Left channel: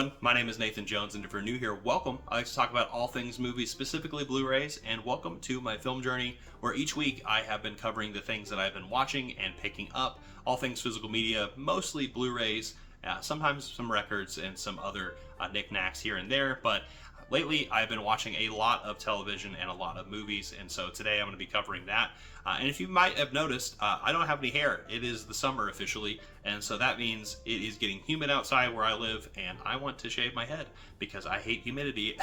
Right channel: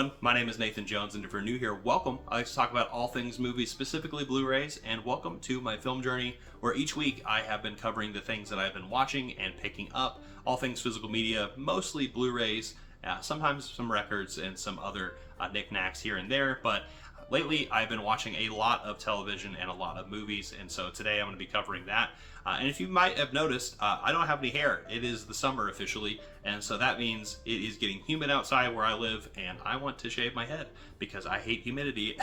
everyone, my name is Nathan Jones, and if you're new here, welcome. I like to talk about all things movies, specifically Blu-rays, and welcome to my film journey, where each week I have been covering the things that I've been watching and picking up, all things physical media, mostly Blu-rays, sometimes some records and some other knickknacks here and there, but lately I've been watching a lot of television and a lot of movies, and so today I'm going to be covering that. And if you might have noticed, I don't have any hair. It is the summer officially, and so that means it is getting humid outside where I live, and I want to shave my head because I hate humidity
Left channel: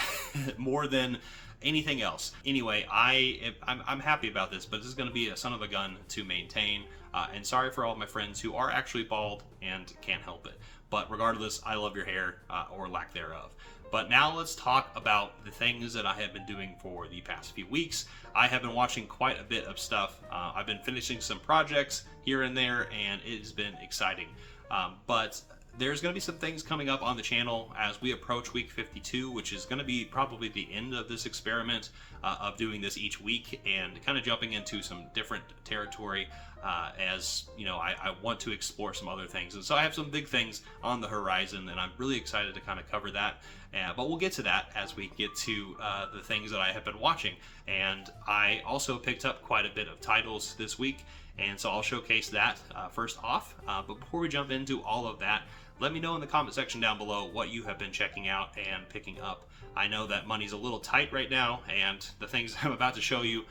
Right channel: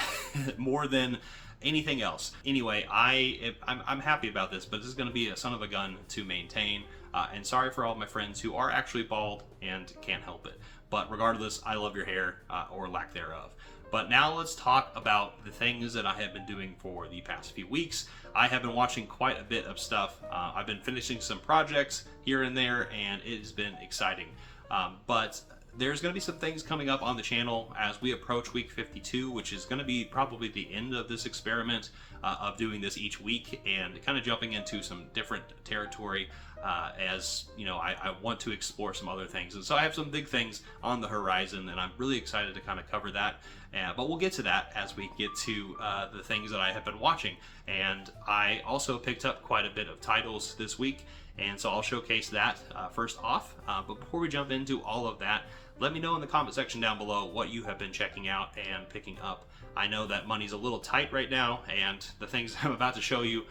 more than anything else. Anyway, I'm happy about this, but this is going to be a son of a gun to maintain, and sorry for all my friends who are actually bald and can't help it. But regardless, I love your hair, or lack thereof. But now let's talk about the things that I have been doing for the past few weeks. I have been watching quite a bit of stuff. I've been finishing some projects here and there, and it has been exciting. But there's going to be some things coming up on the channel as we approach week 52, which is going to be probably the end of this experiment of doing this each week and kind of jumping into some different territory. As you know, I want to explore some other things, and so I have some big things on the horizon, and I'm really excited to kind of cover that. But we'll get to that as we get to the things that I have been watching. And I also picked up quite a bit of titles this week, and so I'll showcase that first off. But before we jump into all of that, let me know in the comment section down below what you have been checking out and picking up. I know that money's a little tight right now, and the things I'm about to show you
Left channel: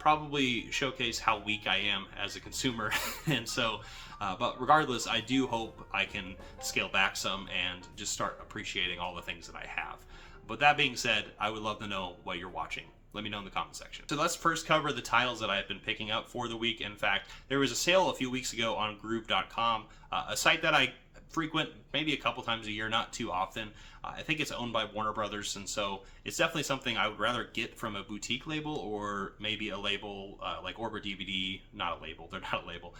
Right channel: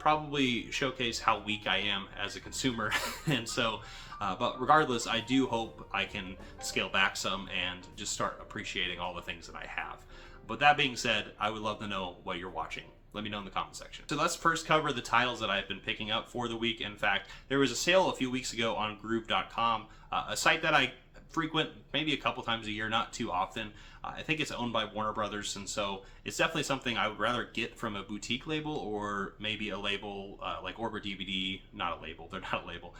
probably showcase how weak I am as a consumer. And so, but regardless, I do hope I can scale back some and just start appreciating all the things that I have. But that being said, I would love to know what you're watching. Let me know in the comment section. So let's first cover the titles that I've been picking up for the week. In fact, there was a sale a few weeks ago on groove.com, a site that I frequent maybe a couple times a year, not too often. I think it's owned by Warner Brothers, and so it's definitely something I would rather get from a boutique label or maybe a label like Orbit DVD, not a label, they're not a label,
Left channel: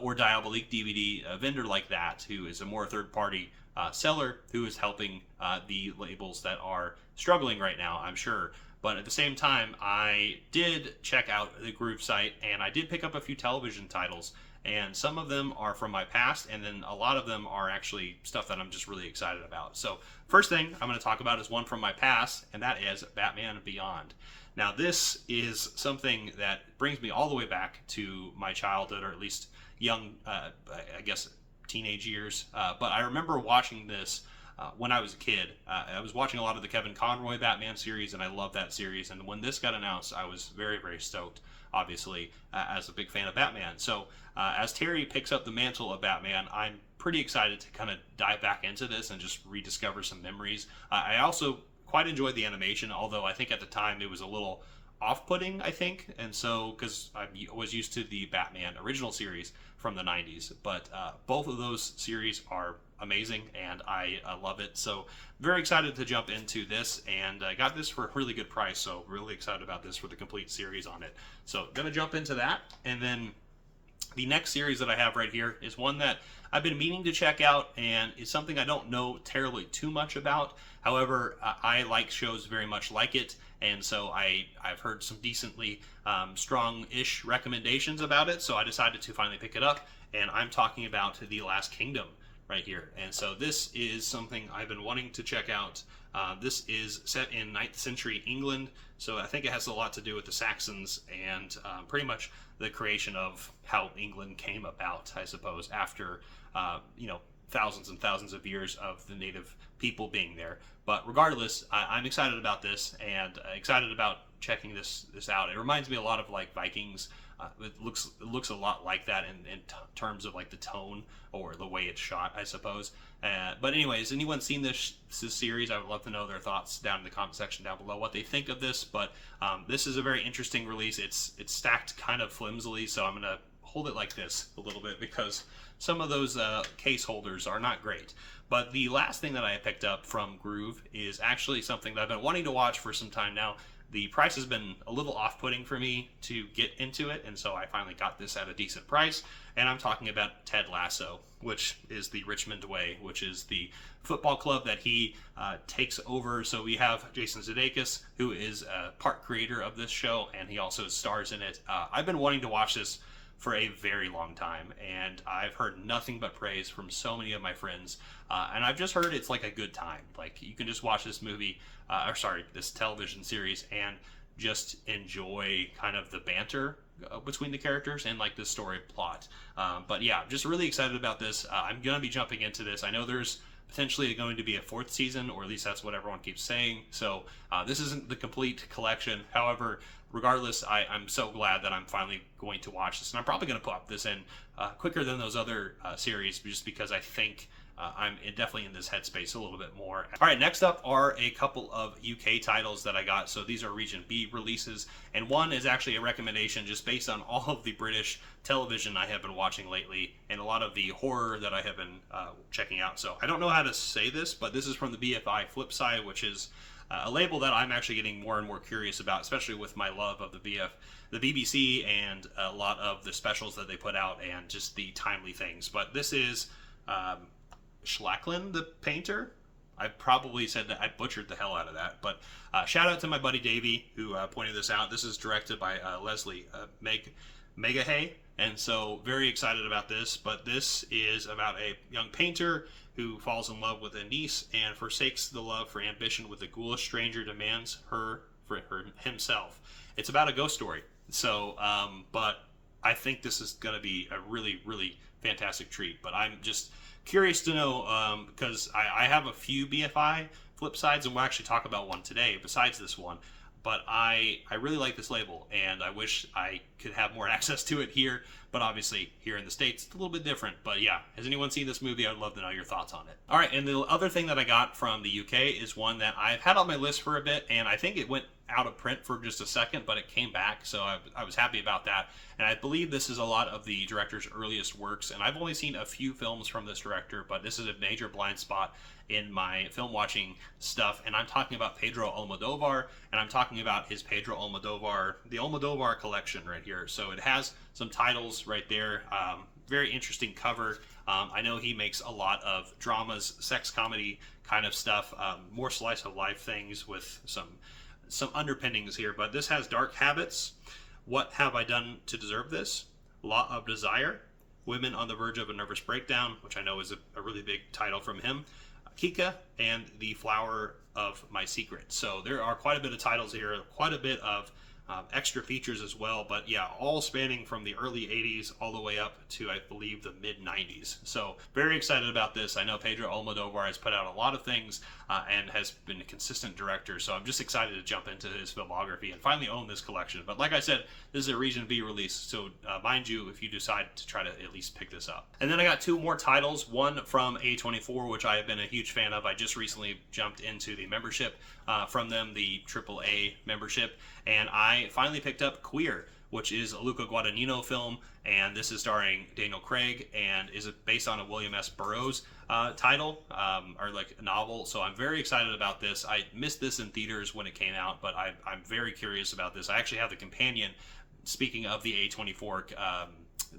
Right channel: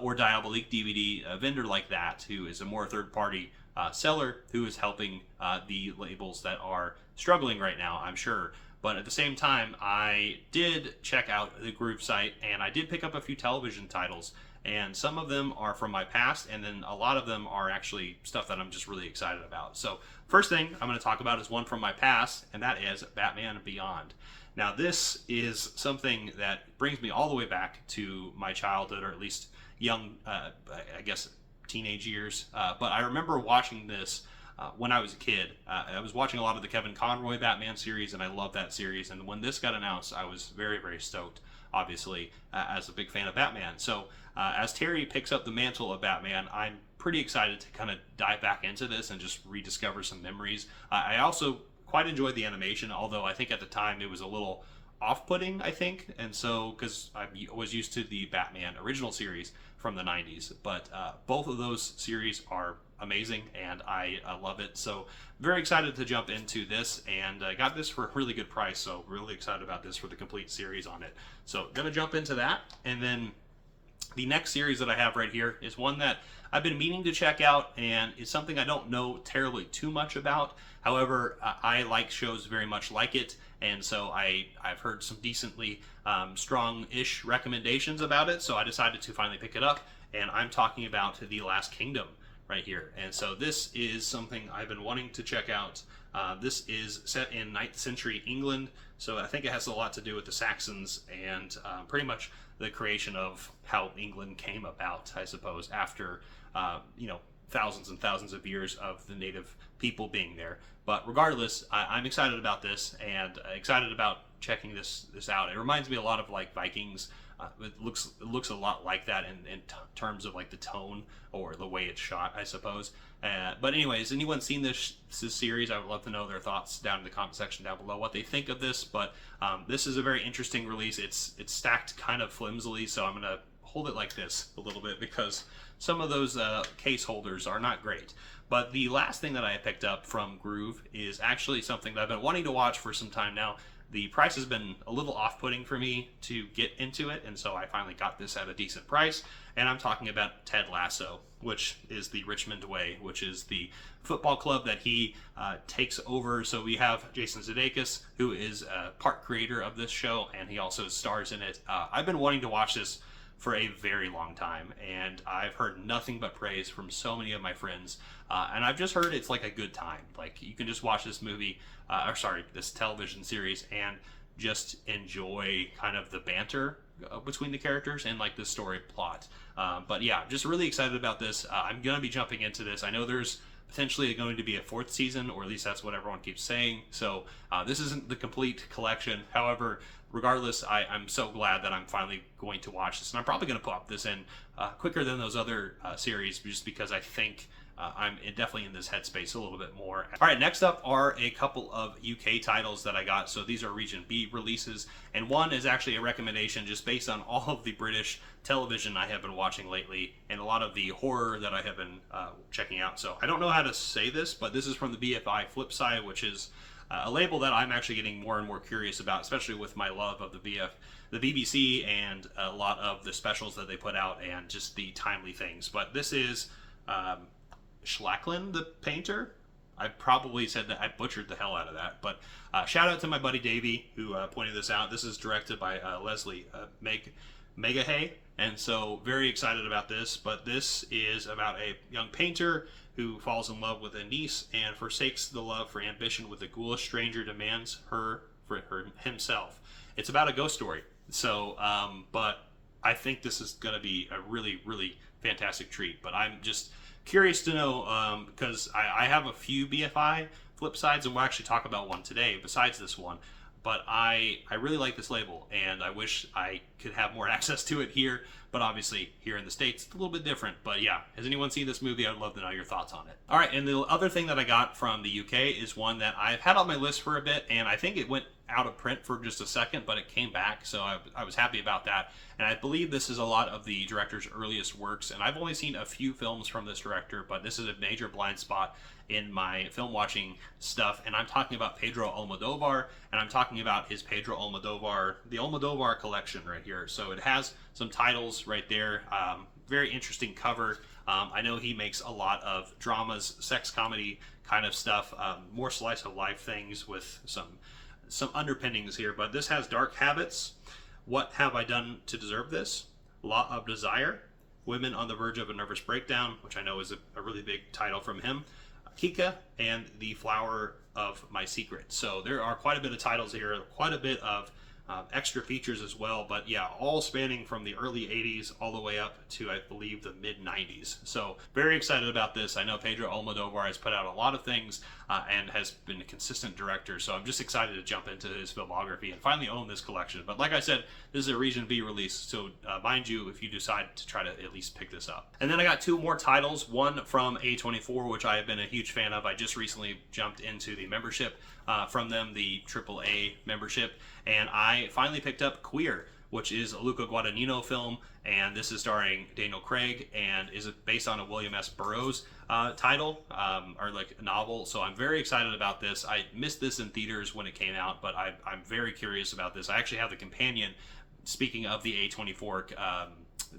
or Diabolique DVD, a vendor like that who is a more third-party seller who is helping the labels that are struggling right now, I'm sure. But at the same time, I did check out the Groove site, and I did pick up a few television titles. And some of them are from my past, and then a lot of them are actually stuff that I'm just really excited about. So first thing I'm going to talk about is one from my past, and that is Batman Beyond. Now this is something that brings me all the way back to my childhood, or at least young, I guess, teenage years. But I remember watching this when I was a kid. I was watching a lot of the Kevin Conroy Batman series, and I loved that series. And when this got announced, I was very, very stoked, obviously, as a big fan of Batman. So as Terry picks up the mantle of Batman, I'm pretty excited to kind of dive back into this and just rediscover some memories. I also quite enjoyed the animation, although I think at the time it was a little off-putting, I think, and so because I was used to the Batman original series from the 90s, but both of those series are amazing, and I love it. So very excited to jump into this, and I got this for a really good price, so really excited about this for the complete series on it. So gonna jump into that, and then the next series that I have right here is one that I've been meaning to check out, and it's something I don't know terribly too much about. However, I like shows very much like it, and so I've heard some decently strong-ish recommendations about it, so I decided to finally pick it up, and I'm talking about The Last Kingdom right here. And so this is something I've been wanting to check out. This is set in 9th century England, so I think it has a lot to do with the Saxons and pretty much the creation of how England came about, I suppose, after thousands and thousands of years of the native people being there. But regardless, I'm excited about this, and excited about checking this out. It reminds me a lot of like Vikings. It looks a lot like that in terms of like the tone or the way it's shot, I suppose. But anyways, anyone seen this series? I would love to know their thoughts down in the comment section down below, what they think of this. But this is a very interesting release. It's stacked kind of flimsily, so I'm gonna hold it like this a little bit because some of those case holders are not great. But the last thing that I picked up from Groove is actually something that I've been wanting to watch for some time now. The price has been a little off-putting for me to get into it, and so I finally got this at a decent price. And I'm talking about Ted Lasso, which is the Richmond Way, which is the football club that he takes over. So we have Jason Sudeikis, who is part creator of this show, and he also stars in it. I've been wanting to watch this for a very long time, and I've heard nothing but praise from so many of my friends, and I've just heard it's like a good time. Like, you can just watch this movie, this television series, and just enjoy kind of the banter between the characters and like the story plot. But yeah, just really excited about this. I'm gonna be jumping into this. I know there's potentially going to be a 4th season, or at least that's what everyone keeps saying. So this isn't the complete collection. However, regardless, I'm so glad that I'm finally going to watch this, and I'm probably going to pop this in quicker than those other series, just because I think I'm definitely in this headspace a little bit more. All right, next up are a couple of UK titles that I got. So these are Region B releases, and one is actually a recommendation just based on all of the British television I have been watching lately, and a lot of the horror that I have been checking out. So I don't know how to say this, but this is from the BFI Flip Side, which is a label that I'm actually getting more and more curious about, especially with my love of the BBC and a lot of the specials that they put out and just the timely things. But this is Schlacklin, the painter. I probably said that, I butchered the hell out of that, but shout out to my buddy Davey who pointed this out. This is directed by Leslie Megahay, and so very excited about this. But this is about a young painter who falls in love with a niece and forsakes the love for ambition with a ghoulish stranger demands her for himself. It's about a ghost story. So, but I think this is going to be a really, really fantastic treat. But I'm just curious to know, because I have a few BFI flip sides, and we'll actually talk about one today besides this one. But I really like this label, and I wish I could have more access to it here. But obviously, here in the States, it's a little bit different. But yeah, has anyone seen this movie? I'd love to know your thoughts on it. All right, and the other thing that I got from the UK is one that I've had on my list for a bit, and I think it went out of print for just a second, but it came back, so I was happy about that. And I believe this is a lot of the director's earliest works, and I've only seen a few films from this director, but this is a major blind spot in my film watching stuff, and I'm talking about Pedro Modovar, and I'm talking about his Pedro Modovar, the Modovar collection right here. So it has some titles right there, very interesting cover. I know he makes a lot of dramas, sex comedy kind of stuff, more slice of life things with some underpinnings here, but this has Dark Habits, What Have I Done to Deserve This, Law of Desire, Women on the Verge of a Nervous Breakdown, which I know is a really big title from him, Kika, and The Flower of My Secret. So there are quite a bit of titles here, quite a bit of extra features as well, but yeah, all spanning from the early 80s all the way up to, I believe, the mid 90s. So very excited about this. I know Pedro Modovar has put out a lot of things and has been a consistent director, so I'm just excited to jump into his filmography and finally own this collection. But like I said, this is a Region B release, so mind you if you decide to try to at least pick this up. And then I got two more titles, one from A24, which I have been a huge fan of. I just recently jumped into the membership from them, the AAA membership, and I finally picked up Queer, which is a Luca Guadagnino film, and this is starring Daniel Craig and is based on a William S. Burroughs title, or like a novel. So I'm very excited about this. I missed this in theaters when it came out, but I'm very curious about this. I actually have the companion. Speaking of the A24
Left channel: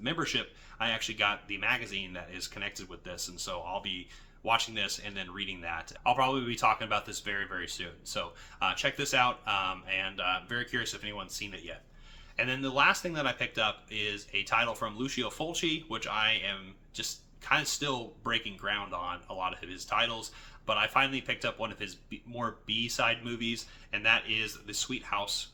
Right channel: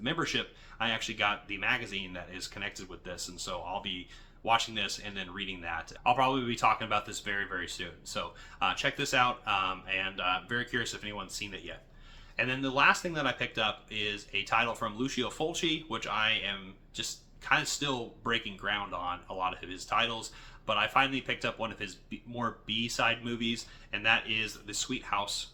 membership, I actually got the magazine that is connected with this, and so I'll be watching this and then reading that. I'll probably be talking about this very, very soon. So check this out, and I'm very curious if anyone's seen it yet. And then the last thing that I picked up is a title from Lucio Fulci, which I am just kind of still breaking ground on a lot of his titles, but I finally picked up one of his more B-side movies, and that is The Sweet House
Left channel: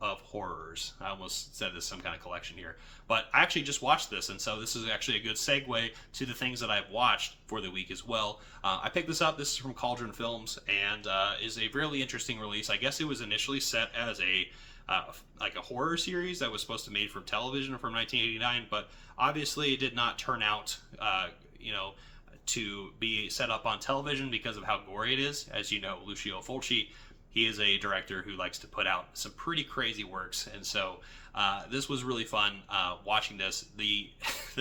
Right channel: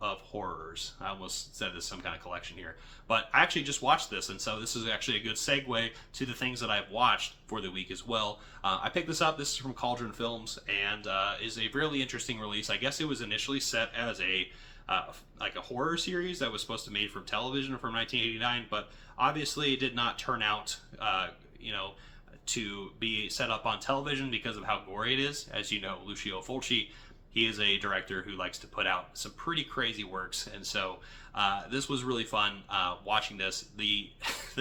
of Horrors. I almost said this some kind of collection here, but I actually just watched this, and so this is actually a good segue to the things that I've watched for the week as well. I picked this up. This is from Cauldron Films, and is a really interesting release. I guess it was initially set as a like a horror series that was supposed to be made from television from 1989, but obviously it did not turn out to be set up on television because of how gory it is. As you know, Lucio Fulci, he is a director who likes to put out some pretty crazy works, and so this was really fun watching this. The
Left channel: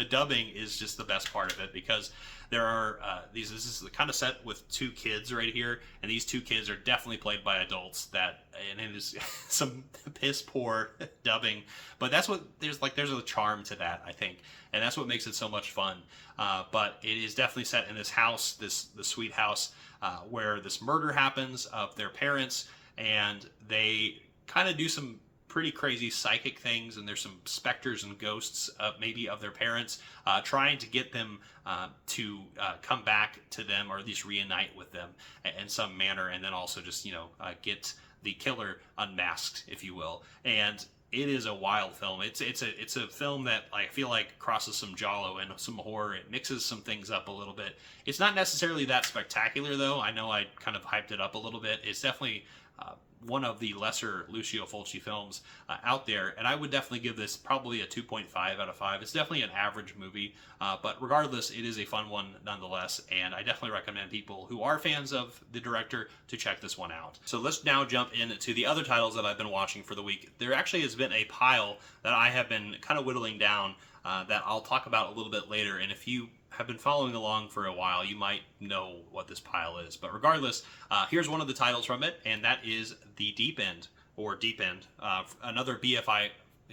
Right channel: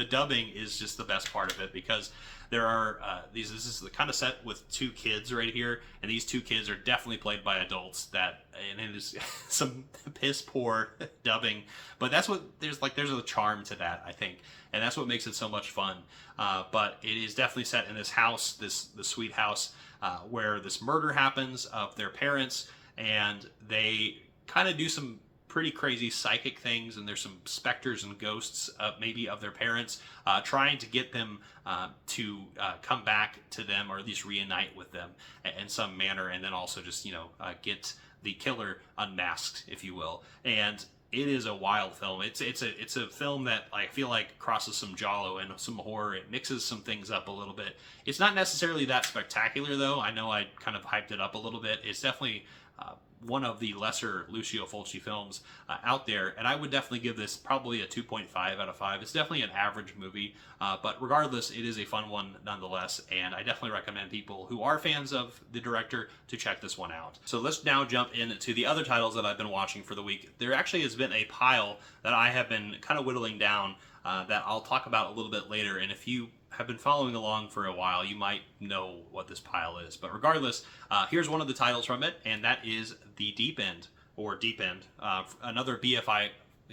dubbing is just the best part of it, because there are this is kind of set with two kids right here, and these two kids are definitely played by adults, and it is some piss poor dubbing, but that's what there's a charm to that, I think, and that's what makes it so much fun. But it is definitely set in this house, the sweet house, where this murder happens of their parents, and they kind of do some pretty crazy psychic things, and there's some specters and ghosts, maybe of their parents, trying to get them to come back to them, or at least reunite with them in some manner, and then also just get the killer unmasked, if you will. And it is a wild film. It's a film that I feel like crosses some giallo and some horror. It mixes some things up a little bit. It's not necessarily that spectacular, though. I know I kind of hyped it up a little bit. It's definitely one of the lesser Lucio Fulci films out there, and I would definitely give this probably a 2.5 out of 5. It's definitely an average movie, but regardless, it is a fun one nonetheless, and I definitely recommend people who are fans of the director to check this one out. So let's now jump into the other titles that I've been watching for the week. There actually has been a pile that I have been kind of whittling down that I'll talk about a little bit later, and if you have been following along for a while, you might know what this pile is. But regardless, here's one of the titles from it, and that is The Deep End, or Deep End, another BFI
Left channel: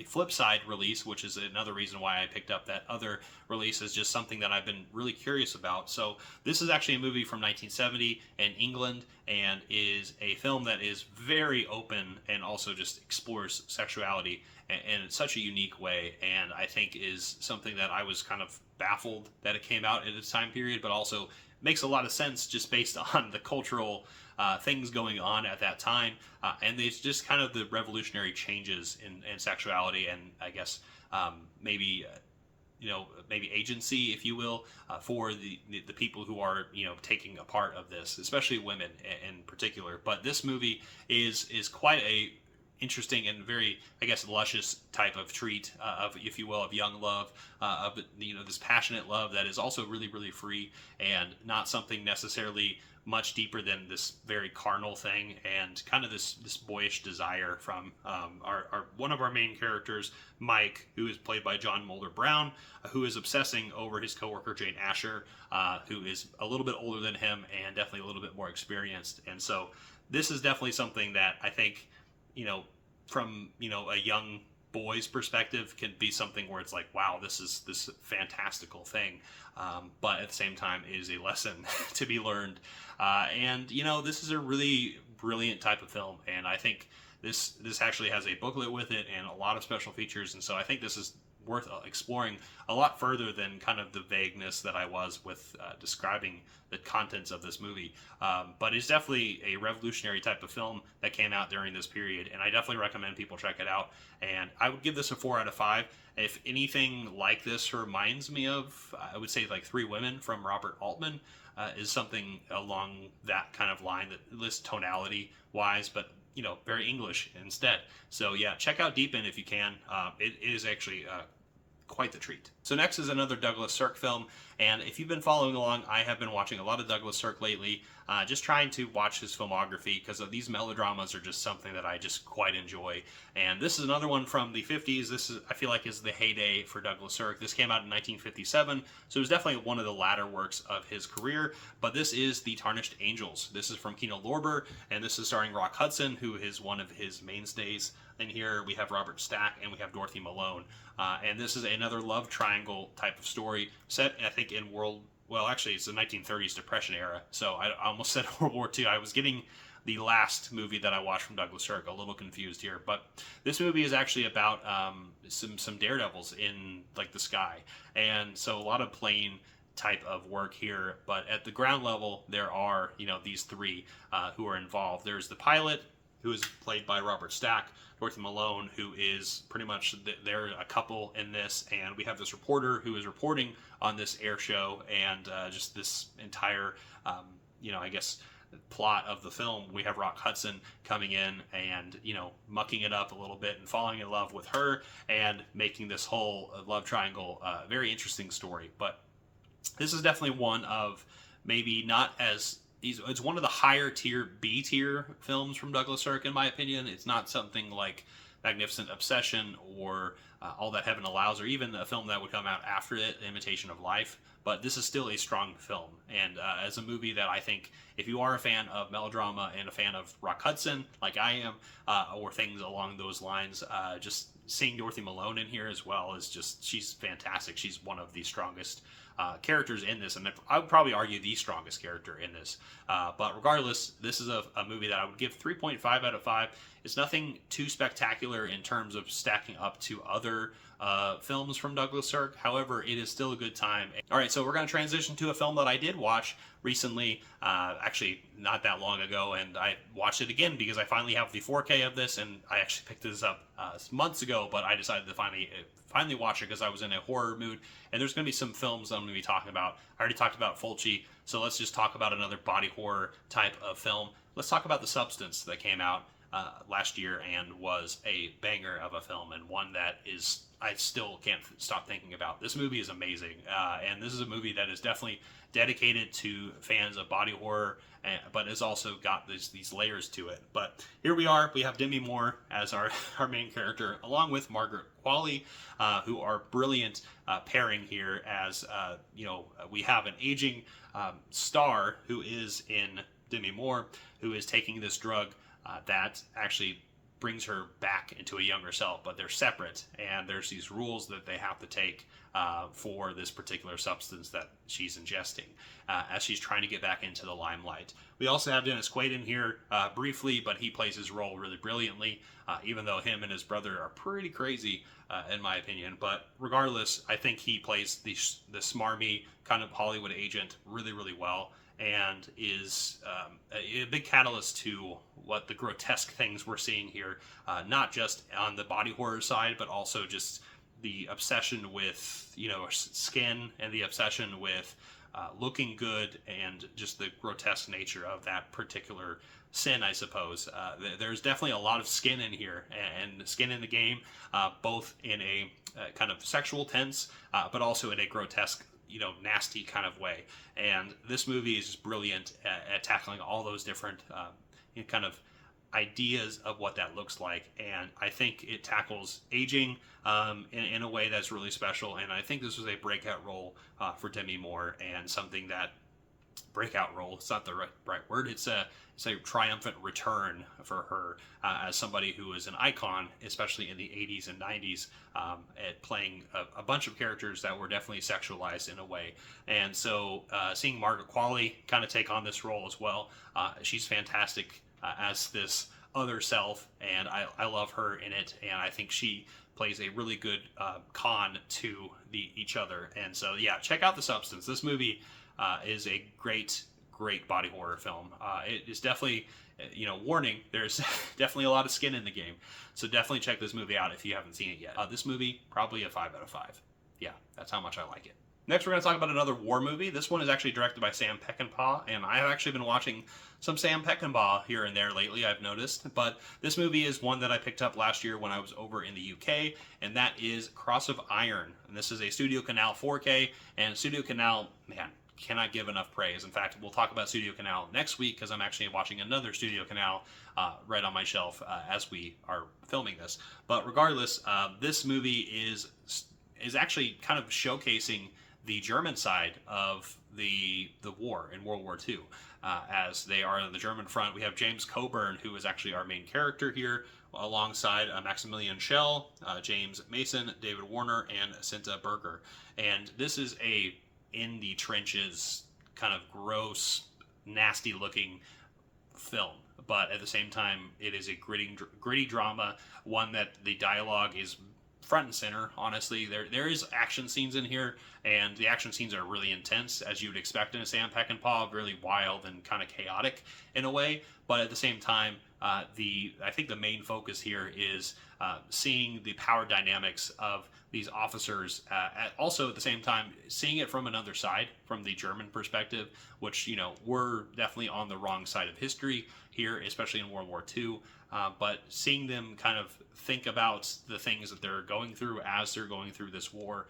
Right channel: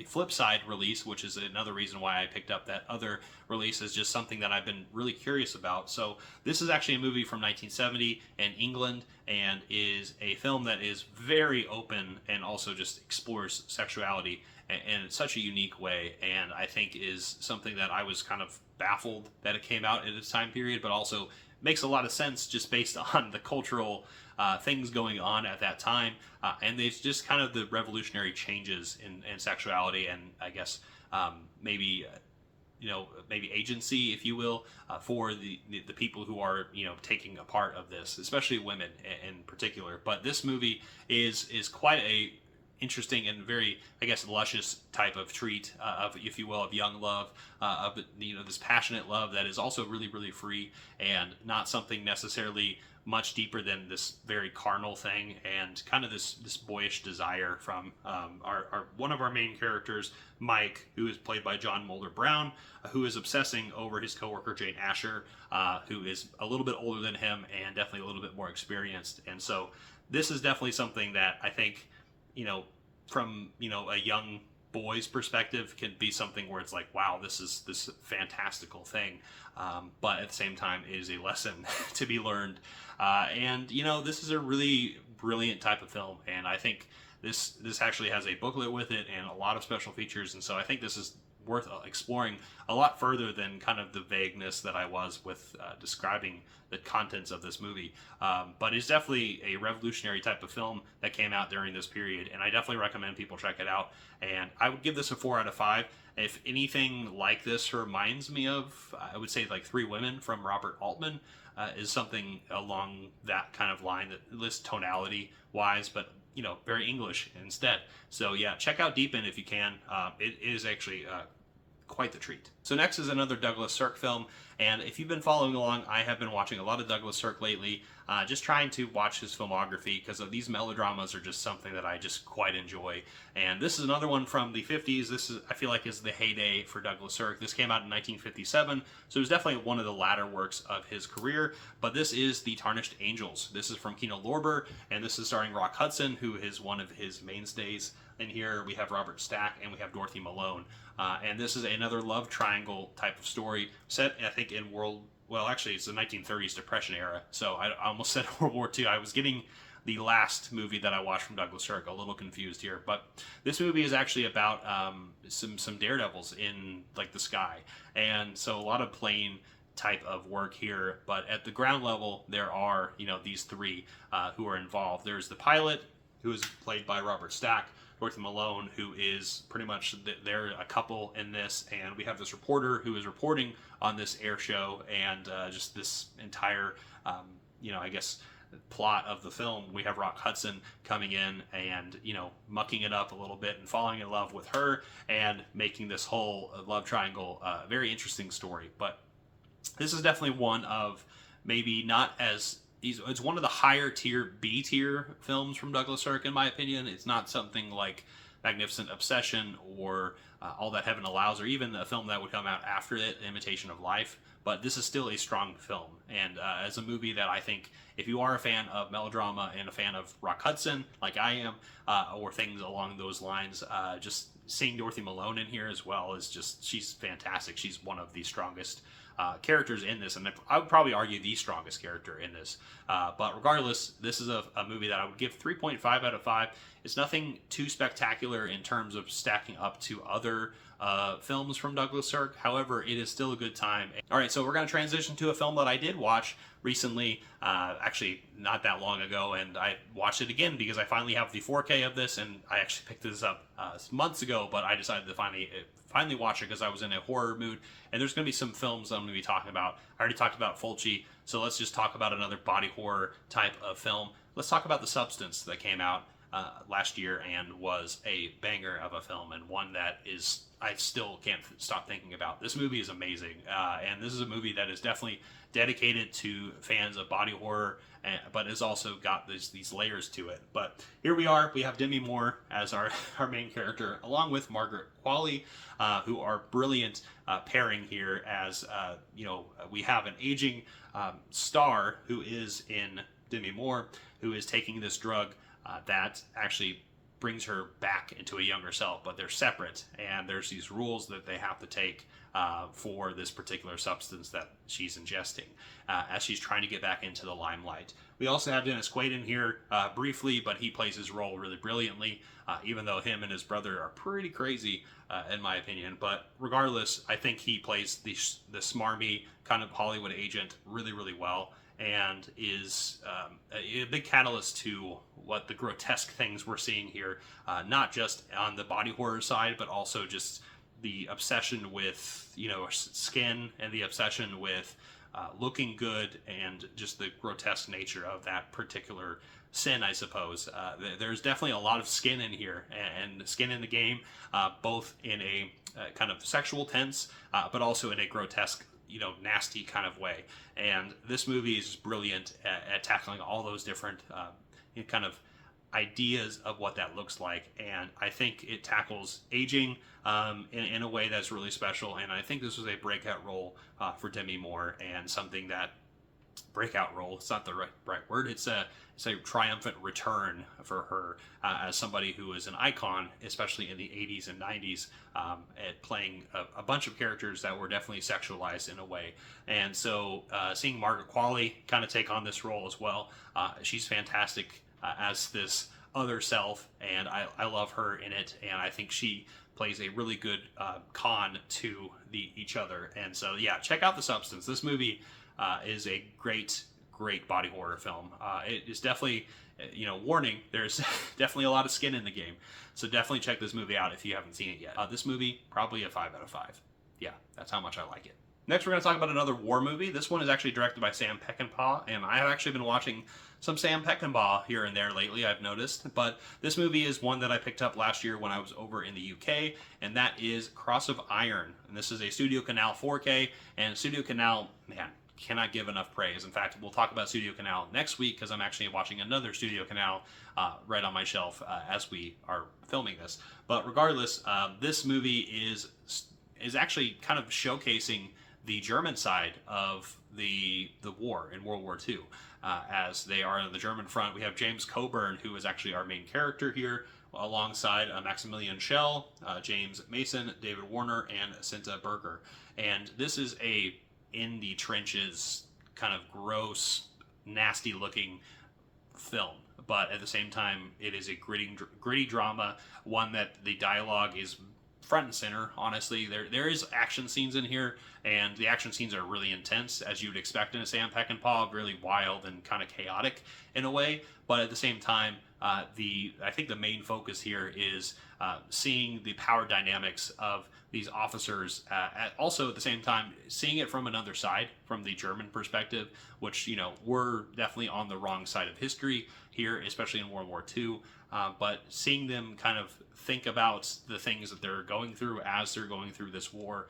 flip side release, which is another reason why I picked up that other release, is just something that I've been really curious about. So this is actually a movie from 1970 in England, and is a film that is very open and also just explores sexuality in such a unique way, and I think is something that I was kind of baffled that it came out at its time period, but also makes a lot of sense just based on the cultural things going on at that time, and it's just kind of the revolutionary changes in sexuality, and I guess maybe agency, if you will, for the people who are taking a part of this, especially women in particular. But this movie is quite a interesting and very, I guess, luscious type of treat of, if you will, of young love, of this passionate love that is also really, really free, and not something necessarily much deeper than this very carnal thing, and kind of this boyish desire from our one of our main characters, Mike, who is played by John Mulder Brown, who is obsessing over his coworker Jane Asher, who is a little bit older than him and definitely a little bit more experienced. And so this is definitely something that I think, from a young boy's perspective, can be something where it's like, wow, this is this fantastical thing, but at the same time it is a lesson to be learned, and this is a really brilliant type of film, and I think this actually has a booklet with it and a lot of special features, and so I think this is worth exploring a lot further than kind of the vagueness that I was with describing the contents of this movie. But it's definitely a revolutionary type of film that came out during this period, and I definitely recommend people check it out. And I would give this a 4 out of 5. If anything like this reminds me of, I would say, like Three Women from Robert Altman, is something along that kind of line, that lists tonality wise, but very English instead. So yeah, check out Deep End if you can. It is actually quite the treat. So next is another Douglas Sirk film, and if you've been following along, I have been watching a lot of Douglas Sirk lately, just trying to watch his filmography, because these melodramas are just something that I just quite enjoy. And this is another one from the 50s. This is, I feel like, is the heyday for Douglas Sirk. This came out in 1957, so it was definitely one of the latter works of his career, but this is The Tarnished Angels. This is from Kino Lorber, and this is starring Rock Hudson, who is one of his mainstays. And here we have Robert Stack, and we have Dorothy Malone. And this is another love triangle type of story set, I think, in it's the 1930s Depression era. So I almost said World War II. I was getting the last movie that I watched from Douglas Sirk a little confused here. But this movie is actually about some daredevils in like the sky. And so a lot of plane type of work here. But at the ground level, there are, these three who are involved. There's the pilot, who is played by Robert Stack, Dorothy Malone, who is pretty much, they're a couple in this, and we have this reporter who is reporting on this air show, and just this entire, I guess, plot of the film. We have Rock Hudson coming in and, mucking it up a little bit and falling in love with her and making this whole love triangle very interesting story. But this is definitely one of, maybe not as, it's one of the higher tier, B tier films from Douglas Sirk, in my opinion. It's not something like Magnificent Obsession or All That Heaven Allows, or even a film that would come out after it, Imitation of Life. But this is still a strong film, and as a movie that I think, if you are a fan of melodrama and a fan of Rock Hudson, like I am, or things along those lines, just seeing Dorothy Malone in here as well is just, she's fantastic. She's one of the strongest characters in this, and I would probably argue the strongest character in this. But regardless, this is a movie that I would give 3.5 out of 5. It's nothing too spectacular in terms of stacking up to other films from Douglas Sirk. However, it is still a good time. All right, so we're going to transition to a film that I did watch recently, actually not that long ago, and I watched it again because I finally have the 4K of this, and I actually picked this up months ago, but I decided to finally watch it because I was in a horror mood. And there's going to be some films I'm going to be talking about. I already talked about Fulci, so let's just talk about another body horror type of film. Let's talk about The Substance that came out last year and was a banger of a film, and one that is I still can't stop thinking about. This movie is amazing, and this is a movie that is definitely dedicated to fans of body horror, but has also got these layers to it. But here we are. We have Demi Moore as our main character, along with Margaret Qualley, who are brilliant pairing here. As we have an aging star who is in Demi Moore, who is taking this drug that actually brings her back into a younger self, but they're separate, and there's these rules that they have to take for this particular substance that she's ingesting as she's trying to get back into the limelight. We also have Dennis Quaid in here briefly, but he plays his role really brilliantly, even though him and his brother are pretty crazy in my opinion. But regardless, I think he plays the smarmy kind of Hollywood agent really, really well, and is a big catalyst to what the grotesque things we're seeing here, not just on the body horror side, but also just the obsession with skin, and the obsession with looking good, and just the grotesque nature of that particular sin, I suppose. There's definitely a lot of skin in here, and skin in the game, both in a kind of sexual tense, but also in a grotesque, nasty kind of way. And this movie is brilliant at tackling all those different kind of ideas of what that looks like. And I think it tackles aging in a way that's really special. And I think this was a breakout role for Demi Moore, and something that breakout role, it's not the right word, it's a triumphant return for her as somebody who is an icon, especially in the 80s and 90s, at playing a bunch of characters that were definitely sexualized in a way. And so seeing Margaret Qualley kind of take on this role as well, she's fantastic as this other self, and I love her in it, and I think she plays a really good con to each other. And so yeah, check out The Substance. This movie is a great body horror film. It is definitely, warning, there's definitely a lot of skin in the game. So definitely check this movie out if you haven't seen it yet. This movie, probably a 5 out of 5. Yeah, that's how much I like it. Next, we're going to talk about another war movie. This one is actually directed by Sam Peckinpah, and I have actually been watching some Sam Peckinpah here and there lately, I've noticed. But this movie is one that I picked up last year when I was over in the UK, and that is Cross of Iron. And this is a Studio Canal 4K, and Studio Canal, man, cannot give enough praise. In fact, we'll talk about Studio Canal next week, because I'm actually watching another Studio Canal right on my shelf as we are filming this. But regardless, this movie is actually kind of showcasing the German side of the war in World War II. As they are on the German front, we have James Coburn, who is actually our main character here, alongside Maximilian Schell, James Mason, David Warner, and Cinta Berger. And this is a in the trenches kind of gross, nasty looking film, but at the same time it is a gritty drama, one that the dialogue is front and center. Honestly, there is action scenes in here, and the action scenes are really intense, as you would expect in a Sam Peckinpah, really wild and kind of chaotic in a way. But at the same time, I think the main focus here is seeing the power dynamics of these officers, also at the same time seeing it from another side, from the German perspective, which we're definitely on the wrong side of history here, especially in World War II. But seeing them kind of think about the things that they're going through as they're going through this war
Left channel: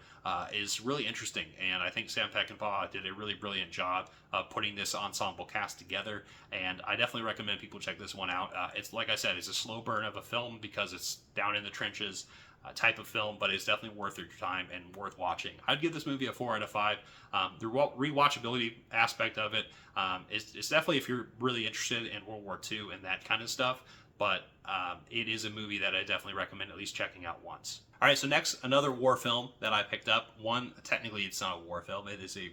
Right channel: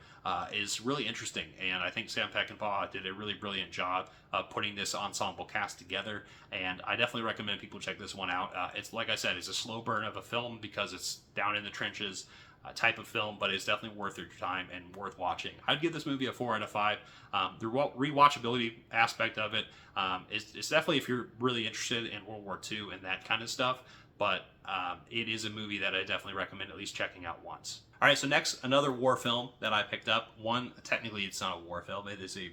is really interesting. And I think Sam Peckinpah did a really brilliant job of putting this ensemble cast together. And I definitely recommend people check this one out. It's, like I said, it's a slow burn of a film because it's down in the trenches type of film, but it's definitely worth your time and worth watching. I'd give this movie a 4 out of 5. The rewatchability aspect of it, it's definitely, if you're really interested in World War II and that kind of stuff, but it is a movie that I definitely recommend at least checking out once. All right, so next, another war film that I picked up. One, technically it's not a war film, it is a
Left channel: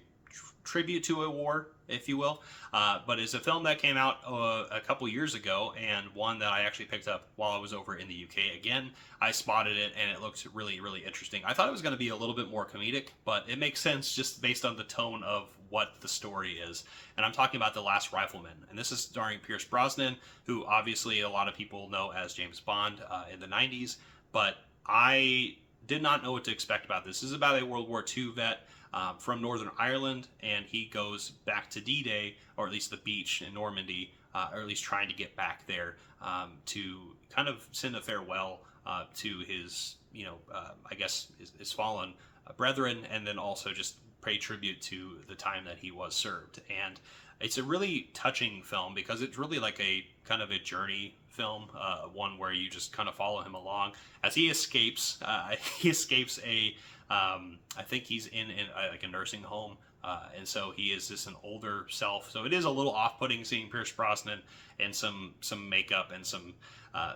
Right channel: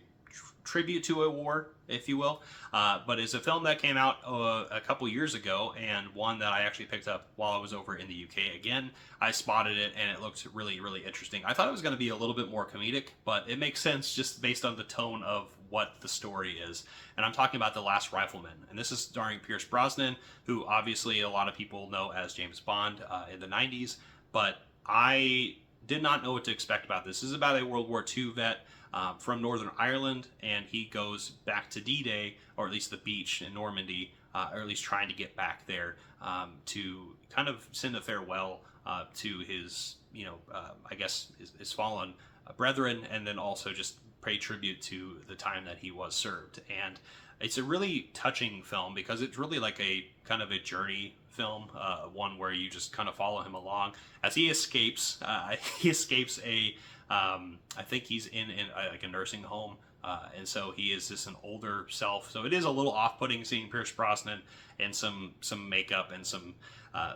tribute to a war, if you will. But it's a film that came out a couple years ago, and one that I actually picked up while I was over in the UK. Again, I spotted it, and it looks really, really interesting. I thought it was going to be a little bit more comedic, but it makes sense just based on the tone of what the story is. And I'm talking about The Last Rifleman. And this is starring Pierce Brosnan, who obviously a lot of people know as James Bond in the 90s. But I did not know what to expect about this. This is about a World War II vet from Northern Ireland, and he goes back to D-Day, or at least the beach in Normandy, or at least trying to get back there to kind of send a farewell to his, I guess, his fallen brethren, and then also just pay tribute to the time that he was served. And it's a really touching film because it's really like a kind of a journey film, one where you just kind of follow him along as he escapes. He escapes I think he's in like a nursing home, and so he is just an older self. So it is a little off-putting seeing Pierce Brosnan and some makeup and some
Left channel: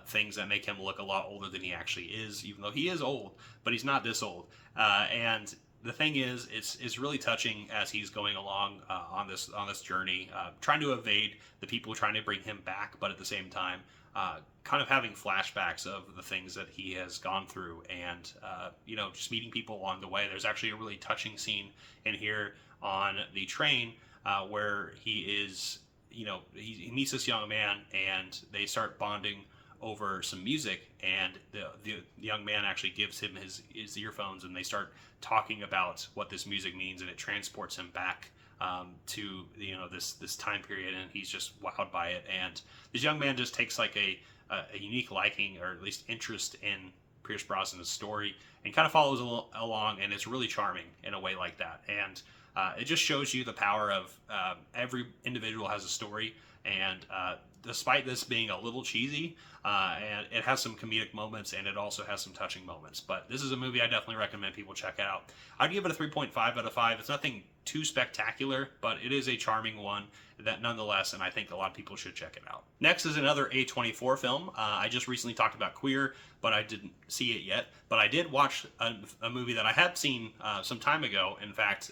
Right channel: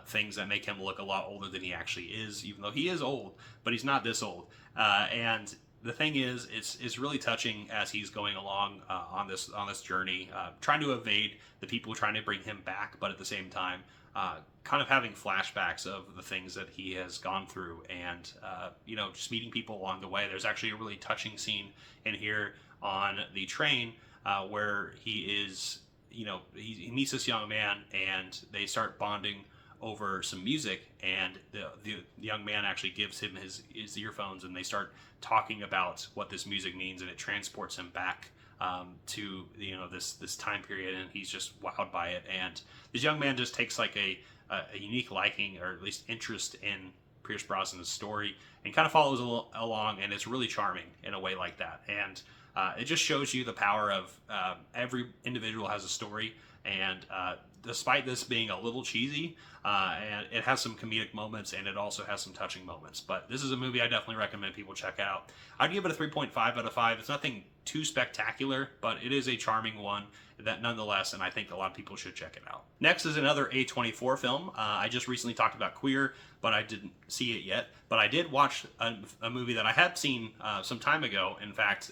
things that make him look a lot older than he actually is, even though he is old, but he's not this old. And the thing is, it's really touching as he's going along on this journey, trying to evade the people trying to bring him back, but at the same time, kind of having flashbacks of the things that he has gone through, and just meeting people along the way. There's actually a really touching scene in here on the train where he is, he meets this young man, and they start bonding over some music, and the young man actually gives him his earphones, and they start talking about what this music means, and it transports him back to this time period, and he's just wowed by it. And this young man just takes like a unique liking, or at least interest, in Pierce Brosnan's story, and kind of follows along, and it's really charming in a way like that. And it just shows you the power of every individual has a story, and despite this being a little cheesy, and it has some comedic moments, and it also has some touching moments. But this is a movie I definitely recommend people check out. I'd give it a 3.5 out of 5. It's nothing too spectacular, but it is a charming one that nonetheless, and I think a lot of people should check it out. Next is another A24 film. I just recently talked about Queer, but I didn't see it yet. But I did watch a movie that I had seen some time ago. In fact,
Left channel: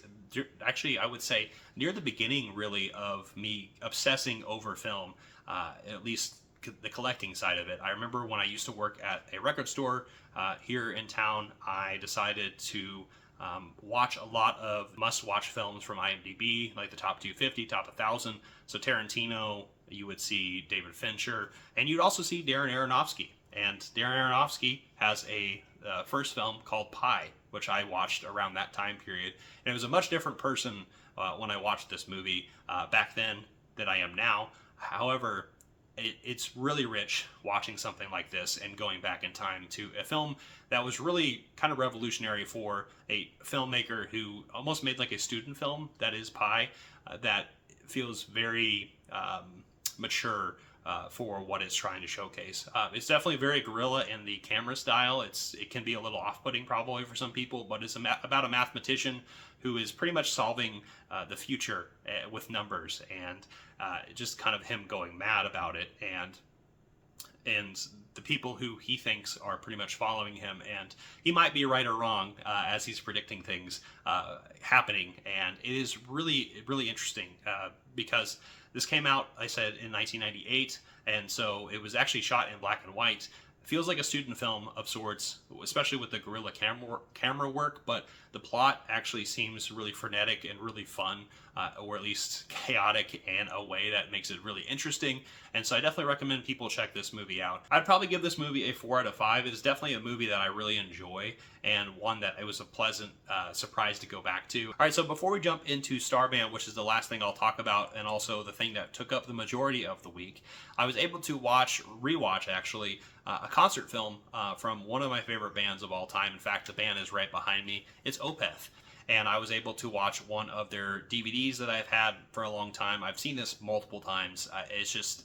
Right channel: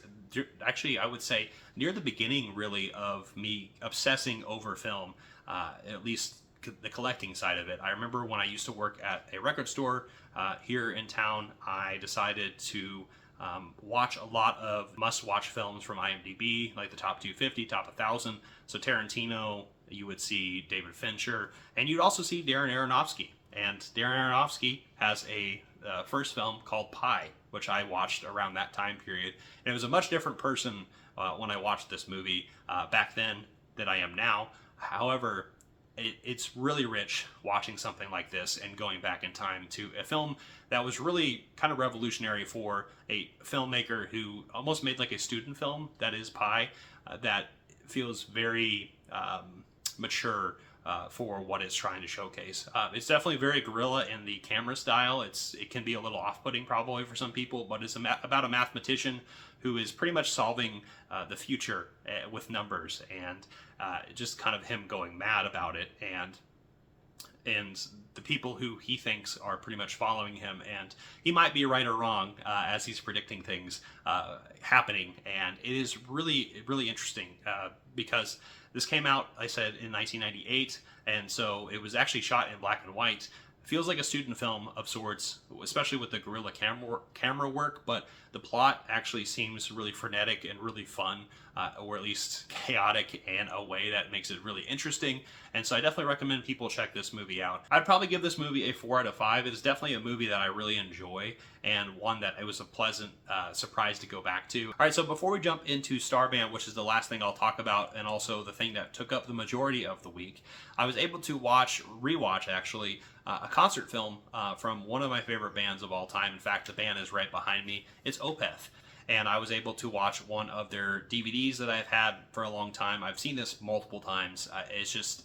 actually, I would say near the beginning, really, of me obsessing over film, at least the collecting side of it. I remember when I used to work at a record store here in town, I decided to watch a lot of must-watch films from IMDb, like the top 250, top 1,000. So Tarantino, you would see David Fincher, and you'd also see Darren Aronofsky. And Darren Aronofsky has a first film called Pi, which I watched around that time period. And it was a much different person when I watched this movie back then than I am now. However, it's really rich watching something like this and going back in time to a film that was really kind of revolutionary for a filmmaker who almost made like a student film, that is Pi, that feels very mature for what it's trying to showcase. It's definitely very guerrilla in the camera style. It can be a little off-putting probably for some people, but it's about a mathematician who is pretty much solving the future with numbers, and just kind of him going mad about it, and the people who he thinks are pretty much following him, and he might be right or wrong as he's predicting things happening. And it is really, really interesting because this came out, I said, in 1998, and so it was actually shot in black and white. It feels like a student film of sorts, especially with the guerrilla camera work, but the plot actually seems really frenetic and really fun, or at least chaotic in a way that makes it really interesting. And so I definitely recommend people check this movie out. I'd probably give this movie a 4 out of 5. It is definitely a movie that I really enjoy, and one that it was a pleasant surprise to go back to. All right, so before we jump into Starman, which is the last thing I'll talk about, and also the thing that took up the majority of the week, I was able to rewatch actually, a concert film from one of my favorite bands of all time. In fact, the band is right behind me. It's Opeth. And I was able to watch one of their DVDs that I've had for a long time. I've seen this multiple times. It's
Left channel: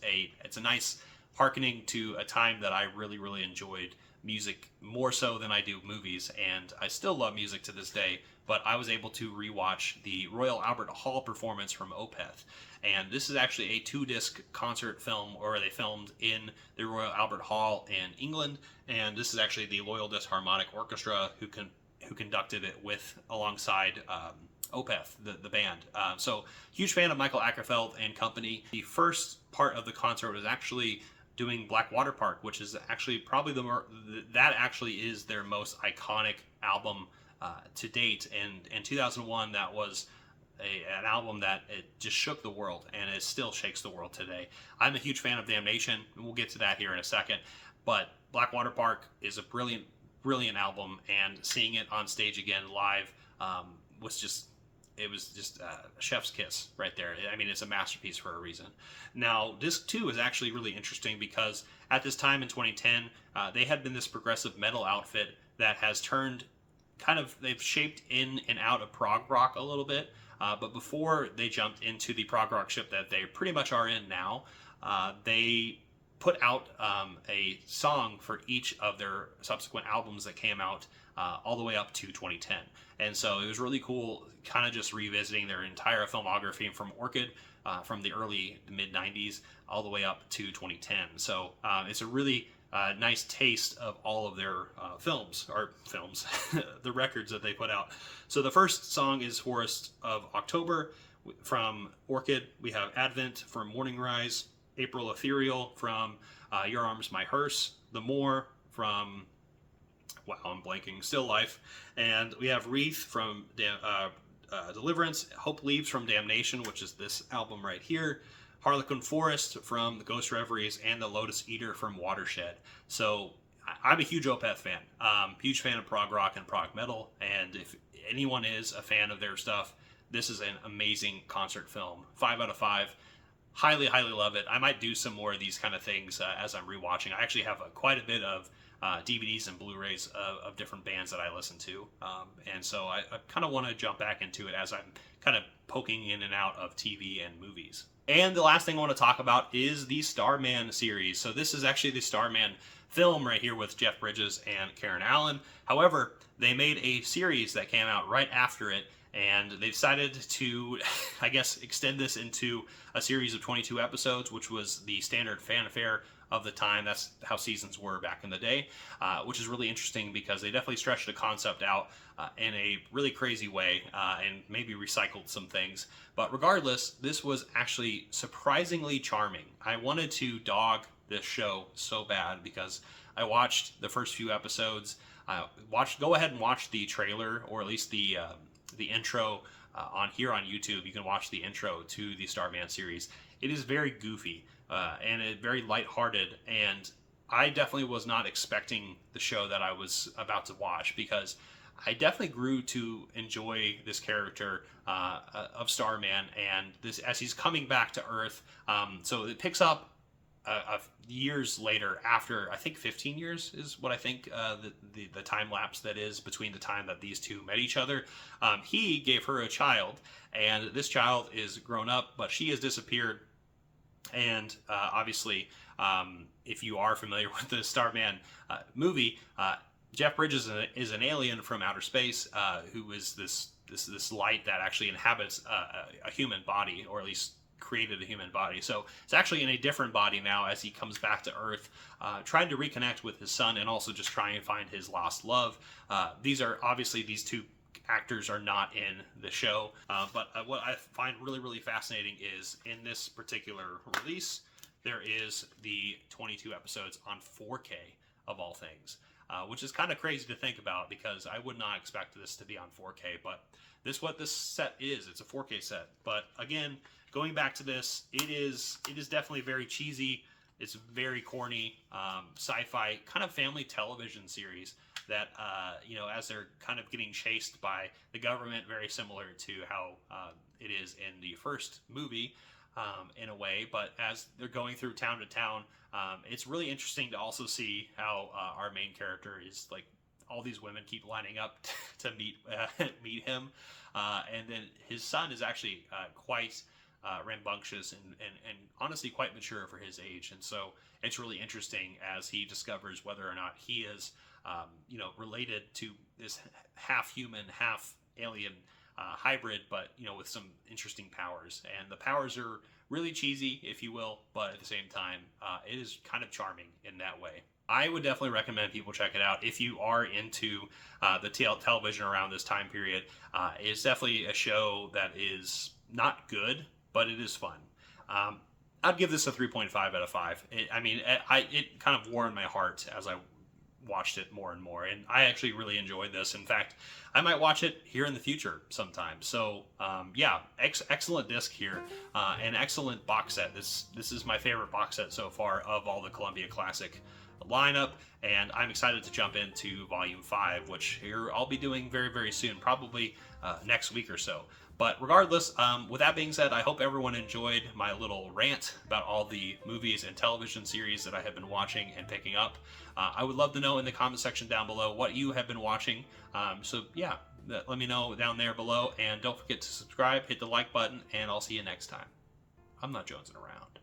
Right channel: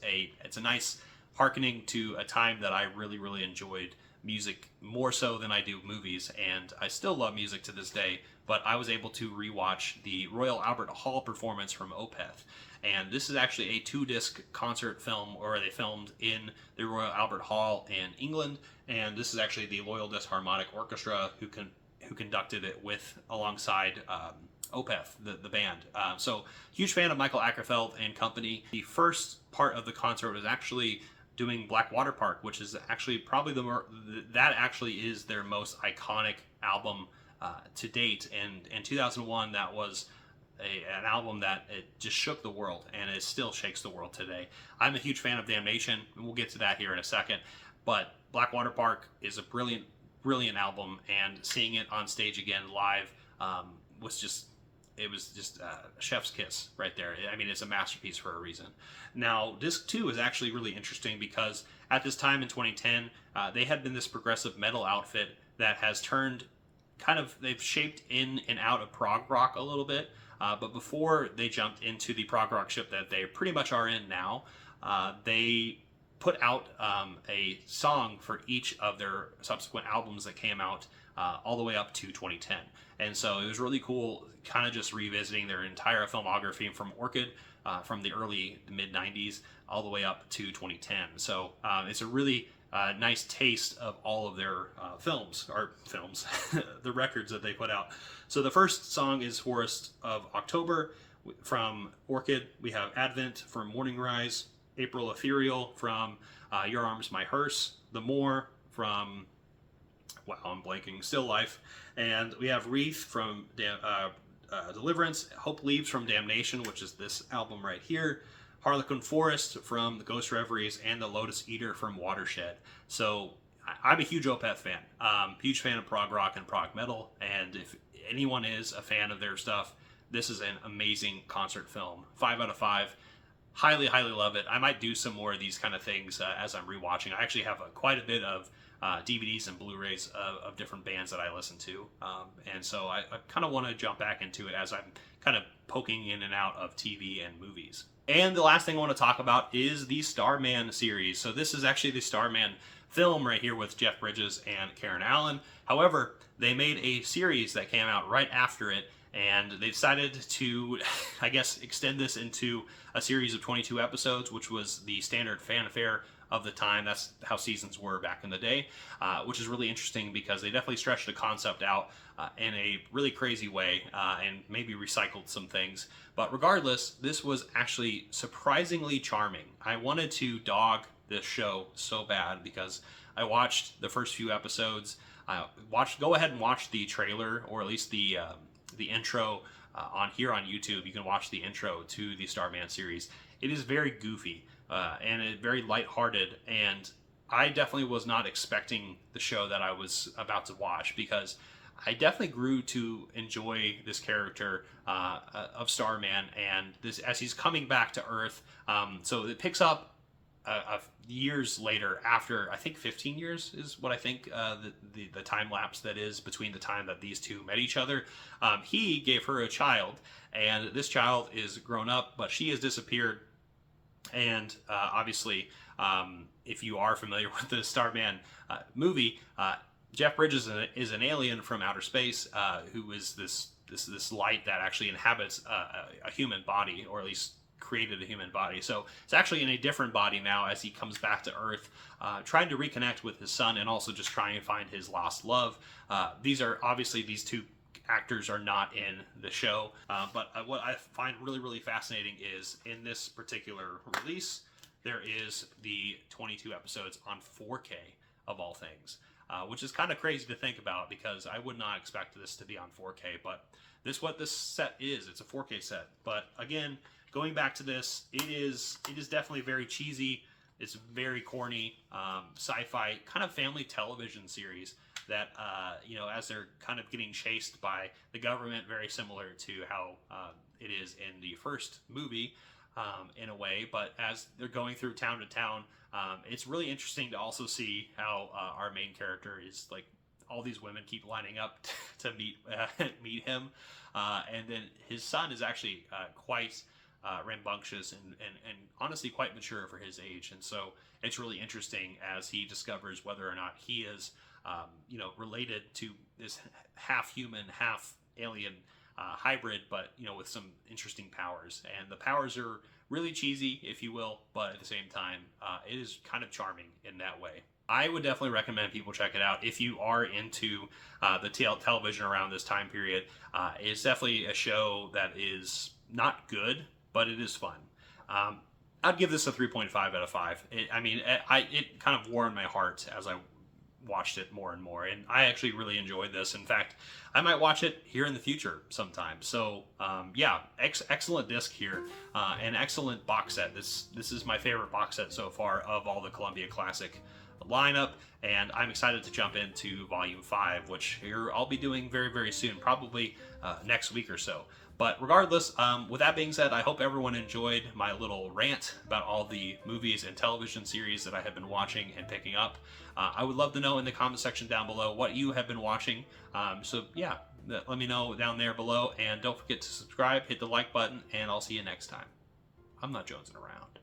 a nice hearkening to a time that I really, really enjoyed music more so than I do movies. And I still love music to this day, but I was able to rewatch the Royal Albert Hall performance from Opeth. And this is actually a 2-disc concert film, or they filmed in the Royal Albert Hall in England. And this is actually the Loyal Disharmonic Orchestra who conducted it alongside Opeth, the band. So huge fan of Michael Ackerfeld and company. The first part of the concert was actually doing Black Water Park, which is actually probably that actually is their most iconic album to date. And in 2001, that was an album that it just shook the world, and it still shakes the world today. I'm a huge fan of Damnation, and we'll get to that here in a second. But Black Water Park is a brilliant, brilliant album, and seeing it on stage again live was just a chef's kiss right there. I mean, it's a masterpiece for a reason. Now, disc 2 is actually really interesting because at this time in 2010, they had been this progressive metal outfit that has turned they've shaped in and out of prog rock a little bit. But before they jumped into the prog rock ship that they pretty much are in now, they put out a song for each of their subsequent albums that came out all the way up to 2010. And so it was really cool kind of just revisiting their entire filmography from Orchid from the early to mid 90s all the way up to 2010. So it's a really nice taste of all of their the records that they put out. So the first song is Forest of October from Orchid. We have Advent from Morning Rise, April Ethereal from Your Arms My Hearse, The More from, wow, I'm blanking, Still Life, and we have Wreath from Deliverance, Hope Leaves from Damnation, which is this album right here, Harlequin Forest from The Ghost Reveries, and The Lotus Eater from Watershed. So I'm a huge Opeth fan, huge fan of prog rock and prog metal, and if anyone is a fan of their stuff, this is an amazing concert film. 5 out of 5. Highly, highly love it. I might do some more of these kind of things as I'm rewatching. I actually have quite a bit of DVDs and Blu-rays of different bands that I listen to, and so I kind of want to jump back into it as I'm kind of poking in and out of TV and movies. And the last thing I want to talk about is the Starman series. So this is actually the Starman film right here with Jeff Bridges and Karen Allen. However, they made a series that came out right after it, and they decided to, I guess, extend this into a series of 22 episodes, which was the standard fanfare of the time. That's how seasons were back in the day, which is really interesting because they definitely stretched the concept out in a really crazy way and maybe recycled some things. But regardless, this was actually surprisingly charming. I wanted to dog this show so bad because I watched the first few episodes. Go ahead and watch the trailer, or at least the intro on YouTube. You can watch the intro to the Starman series. It is very goofy and very lighthearted, and I definitely was not expecting the show that I was about to watch, because I definitely grew to enjoy this character of Starman, and this as he's coming back to Earth. So it picks up years later, after I think 15 years is what I think the time lapse that is between the time that these two met each other. He gave her a child, and this child is grown up, but she has disappeared. And obviously, if you are familiar with the Starman movie, Jeff Bridges is an alien from outer space who is this light that actually inhabits a human body, or at least created a human body. So it's actually in a different body now as he comes back to Earth, trying to reconnect with his son and also just trying to find his lost love. These two actors are not in the show, but what I find really, really fascinating is in this particular release, there is the 22 episodes on 4K of all things, which is kind of crazy to think about because I would not expect this to be on 4K, but this is what this set is. It's a 4K set. But again, going back to this, it is definitely very cheesy. It's very corny, sci-fi kind of family television series that, as they're kind of getting chased by the government, very similar to how it is in the first movie, in a way. But as they're going through town to town, it's really interesting to also see how our main character is like, all these women keep lining up to meet him, and then his son is actually quite rambunctious and honestly quite mature for his age, and so it's really interesting as he discovers whether or not he is related to this half human, half alien hybrid, but with some interesting powers. And the powers are really cheesy, if you will, but at the same time, it is kind of charming in that way. I would definitely recommend people check it out if you are into the television around this time period. It's definitely a show that is not good, but it is fun. I'd give this a 3.5 out of 5. It kind of warmed my heart as I watched it more and more, and I actually really enjoyed this. In fact, I might watch it here in the future sometime. So yeah, excellent disc here, an excellent box set. This is my favorite box set so far of all the Columbia Classic lineup, and I'm excited to jump into Volume 5, which here I'll be doing very, very soon, probably next week or so. But regardless, with that being said, I hope everyone enjoyed my little rant about all the movies and television series that I have been watching and picking up. I would love to know in the comment section down below what you have been watching. So yeah, let me know down there below, and don't forget to subscribe, hit the like button, and I'll see you next time. I'm not jonesing around.